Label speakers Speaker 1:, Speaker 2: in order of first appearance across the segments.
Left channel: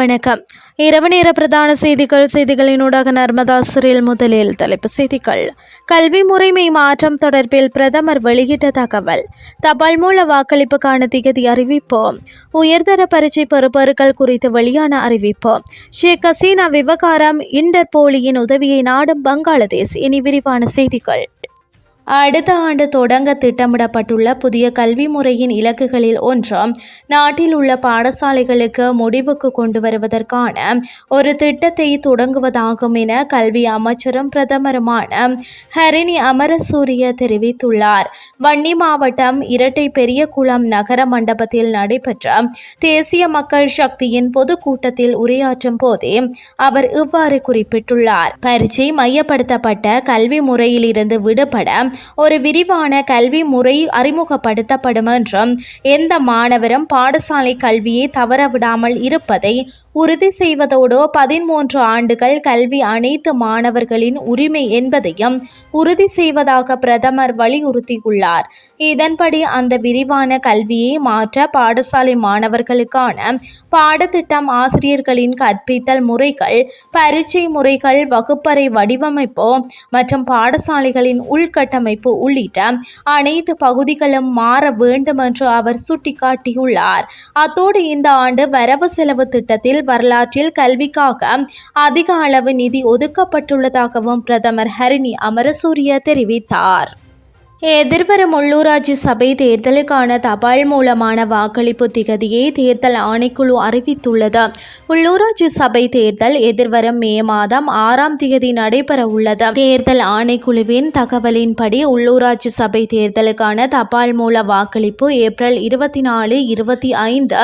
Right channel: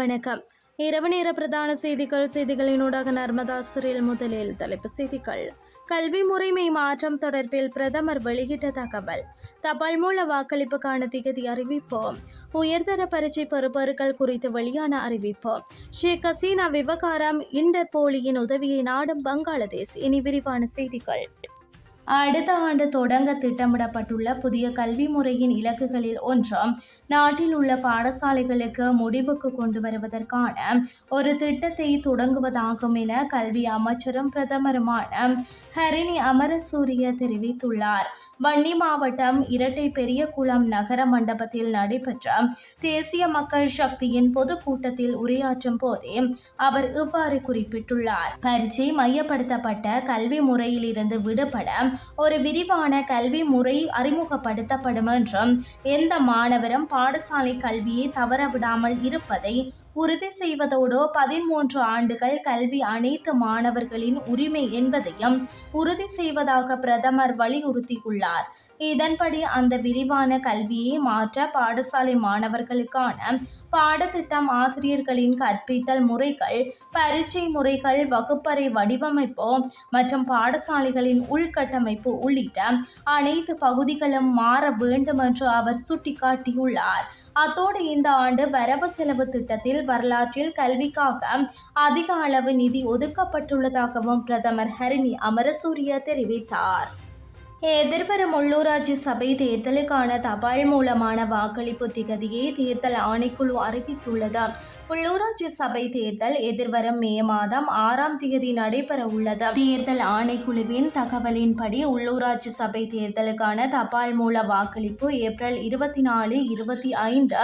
Speaker 1: வணக்கம். இரவு நேர பிரதான செய்திகள் செய்திகளினூடாக நர்மதா சிறில் முதலில் தலைப்பு செய்திகள். கல்வி முறைமை மாற்றம் தொடர்பில் பிரதமர் வெளியிட்ட தகவல். தபால் மூல வாக்களிப்புக்கான திகதி அறிவிப்பு உயர்தர பரீட்சை பெறுபவர்கள் குறித்து வெளியான அறிவிப்பு ஷேக் ஹசீனா விவகாரம் இன்டர்போலியின் உதவியை நாடும் பங்களாதேஷ் இனி விரிவான செய்திகள். அடுத்த ஆண்டு தொடங்க திட்டமிடப்பட்டுள்ள புதிய கல்வி முறையின் இலக்குகளில் ஒன்றும் நாட்டில் உள்ள பாடசாலைகளுக்கு முடிவுக்கு கொண்டு வருவதற்கான ஒரு திட்டத்தை தொடங்குவதாகும் என கல்வி அமைச்சரும் பிரதமருமான ஹரிணி அமரசூரிய தெரிவித்துள்ளார். வன்னி மாவட்டம் இரட்டை பெரியகுளம் நகர மண்டபத்தில் நடைபெற்ற தேசிய மக்கள் சக்தியின் பொதுக்கூட்டத்தில் உரையாற்றும் போதே அவர் இவ்வாறு குறிப்பிட்டுள்ளார். பரீட்சை மையப்படுத்தப்பட்ட கல்வி முறையிலிருந்து விடுபட ஒரு விரிவான கல்வி முறை அறிமுகப்படுத்தப்படும் என்றும் எந்த மாணவரும் பாடசாலை கல்வியை தவறவிடாமல் இருப்பதை உறுதி செய்வதோடு பதிமூன்று ஆண்டுகள் கல்வி அனைத்து மாணவர்களின் உரிமை என்பதையும் உறுதி செய்வதாக பிரதமர் வலியுறுத்தியுள்ளார். இதன்படி அந்த விரிவான கல்வியை மாற்ற பாடசாலை மாணவர்களுக்கான பாடத்திட்டம் ஆசிரியர்களின் கற்பித்தல் முறைகள் பரீட்சை முறைகள் வகுப்பறை வடிவமைப்பு மற்றும் பாடசாலைகளின் உள்கட்டமைப்பு உள்ளிட்ட அனைத்து பகுதிகளும் மாற வேண்டும் என்று அவர் சுட்டிக்காட்டியுள்ளார். அத்தோடு இந்த ஆண்டு வரவு செலவு திட்டத்தில் வரலாற்றில் கல்விக்காக அதிக அளவு நிதி ஒதுக்கப்பட்டுள்ளதாகவும் பிரதமர் ஹரிணி அமரசூரிய தெரிவித்தார். எதிர்வரும் உள்ளூராட்சி சபை தேர்தலுக்கான தபால் மூலமான வாக்களிப்பு திகதியை தேர்தல் ஆணைக்குழு அறிவித்துள்ளது. உள்ளூராட்சி சபை தேர்தல் எதிர்வரும் மே மாதம் ஆறாம் தேதி நடைபெற உள்ளது. தேர்தல் ஆணைக்குழுவின் தகவலின்படி உள்ளூராட்சி சபை தேர்தலுக்கான தபால் மூல வாக்களிப்பு ஏப்ரல் இருபத்தி நாலு இருபத்தி ஐந்து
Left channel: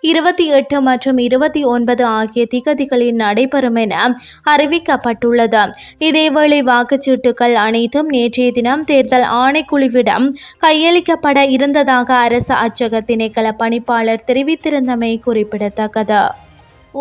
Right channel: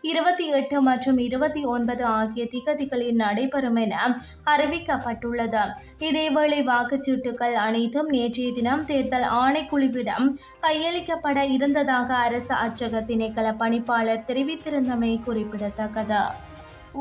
Speaker 1: இருபத்தி எட்டு மற்றும் இருபத்தி ஒன்பது ஆகிய திகதிகளில் நடைபெறும் என அறிவிக்கப்பட்டுள்ளது. இதேவேளை வாக்குச்சீட்டுகள் அனைத்தும் நேற்றைய தினம் தேர்தல் ஆணை ஆணைக்குழுவிடம் கையளிக்கப்பட இருந்ததாக அரசு அச்சக திணைக்கள பணிப்பாளர் தெரிவித்திருந்தமை குறிப்பிடத்தக்கது.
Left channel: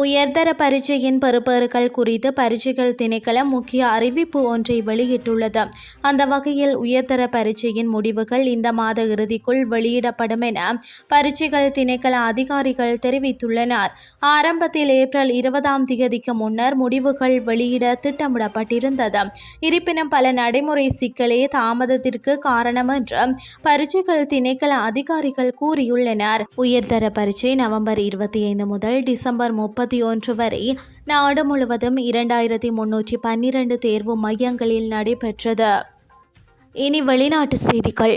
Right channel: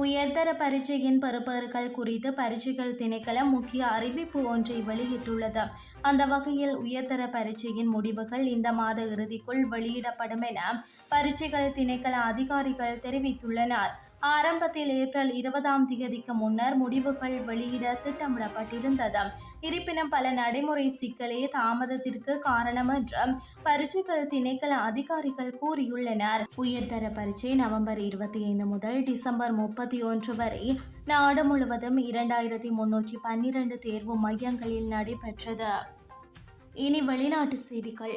Speaker 1: உயர்தர பரீட்சையின் பெறுபவர்கள் குறித்து பரீட்சைகள் திணைக்களம் முக்கிய அறிவிப்பு ஒன்றை வெளியிட்டுள்ளது. அந்த வகையில் உயர்தர பரீட்சையின் முடிவுகள் இந்த மாத இறுதிக்குள் வெளியிடப்படும் என பரீட்சைகள் திணைக்கள அதிகாரிகள் தெரிவித்துள்ளனர். ஆரம்பத்தில் ஏப்ரல் இருபதாம் தேதிக்கு முன்னர் முடிவுகள் வெளியிட திட்டமிடப்பட்டிருந்தது. இருப்பினும் பல நடைமுறை சிக்கலே தாமதத்திற்கு காரணம் என்று பரீட்சைகள் திணைக்கள அதிகாரிகள் கூறியுள்ளனர். உயர்தர பரீட்சை நவம்பர் இருபத்தி ஐந்து முதல் டிசம்பர் முப்பது முப்பத்தி ஒன்று வரை நாடு முழுவதும் இரண்டாயிரத்தி முன்னூற்றி பன்னிரண்டு தேர்வு மையங்களில் நடைபெற்றது. இனி வெளிநாட்டு செய்திகள்.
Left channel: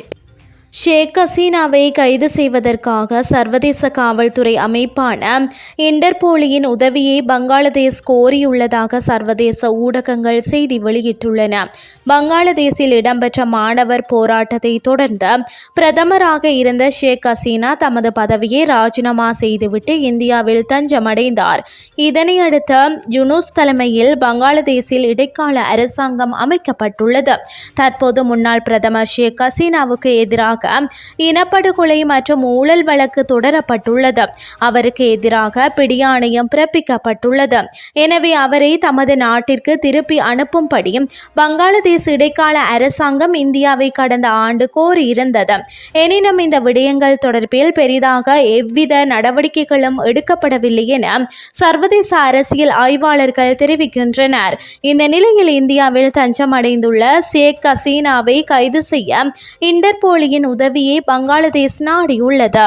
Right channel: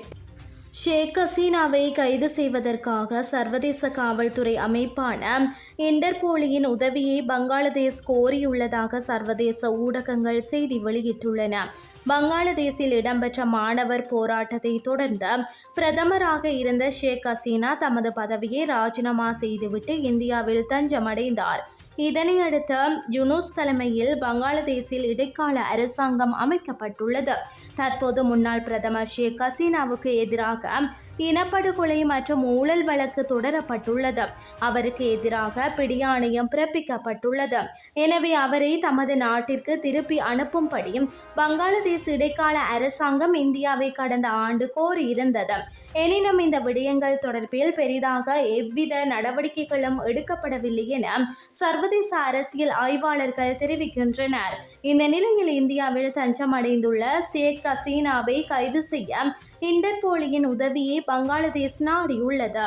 Speaker 1: ஷேக் ஹசீனாவை கைது செய்வதற்காக சர்வதேச காவல்துறை அமைப்பான இன்டர்போலியின் உதவியை பங்களாதேஷ் கோரியுள்ளதாக சர்வதேச ஊடகங்கள் செய்தி வெளியிட்டுள்ளன பங்களாதேஷில் இடம்பெற்ற மாணவர் போராட்டத்தை தொடர்ந்து பிரதமராக இருந்த ஷேக் ஹசீனா தமது பதவியை ராஜினாமா செய்துவிட்டு இந்தியாவில் தஞ்சமடைந்தார் இதனையடுத்து யுனூஸ் தலைமையில் பங்களாதேஷில் இடைக்கால அரசாங்கம் அமைக்கப்பட்டுள்ளது தற்போது முன்னாள் பிரதமர் ஷேக் ஹசீனாவுக்கு எதிராக இனப்படுகொலை மற்றும் ஊழல் வழக்கு தொடரப்பட்டுள்ளது அவருக்கு எதிராக பிடியாணையம் பிறப்பிக்கப்பட்டுள்ளது. எனவே அவரை தமது நாட்டிற்கு திருப்பி அனுப்பும்படியும் வங்காளதேச இடைக்கால அரசாங்கம் இந்தியாவை கடந்த ஆண்டு கோரியிருந்தது. எனினும் இந்த விடயங்கள் தொடர்பில் பெரிதாக எவ்வித நடவடிக்கைகளும் எடுக்கப்படவில்லை என சர்வதேச அரசியல் ஆய்வாளர்கள் தெரிவிக்கின்றனர். இந்த நிலையில் இந்தியாவில் தஞ்சமடைந்துள்ள ஷேக் ஹசீனாவை கைது செய்ய இன்டர்போலியின் உதவியை பங்களாதேஷ் நாடியுள்ளது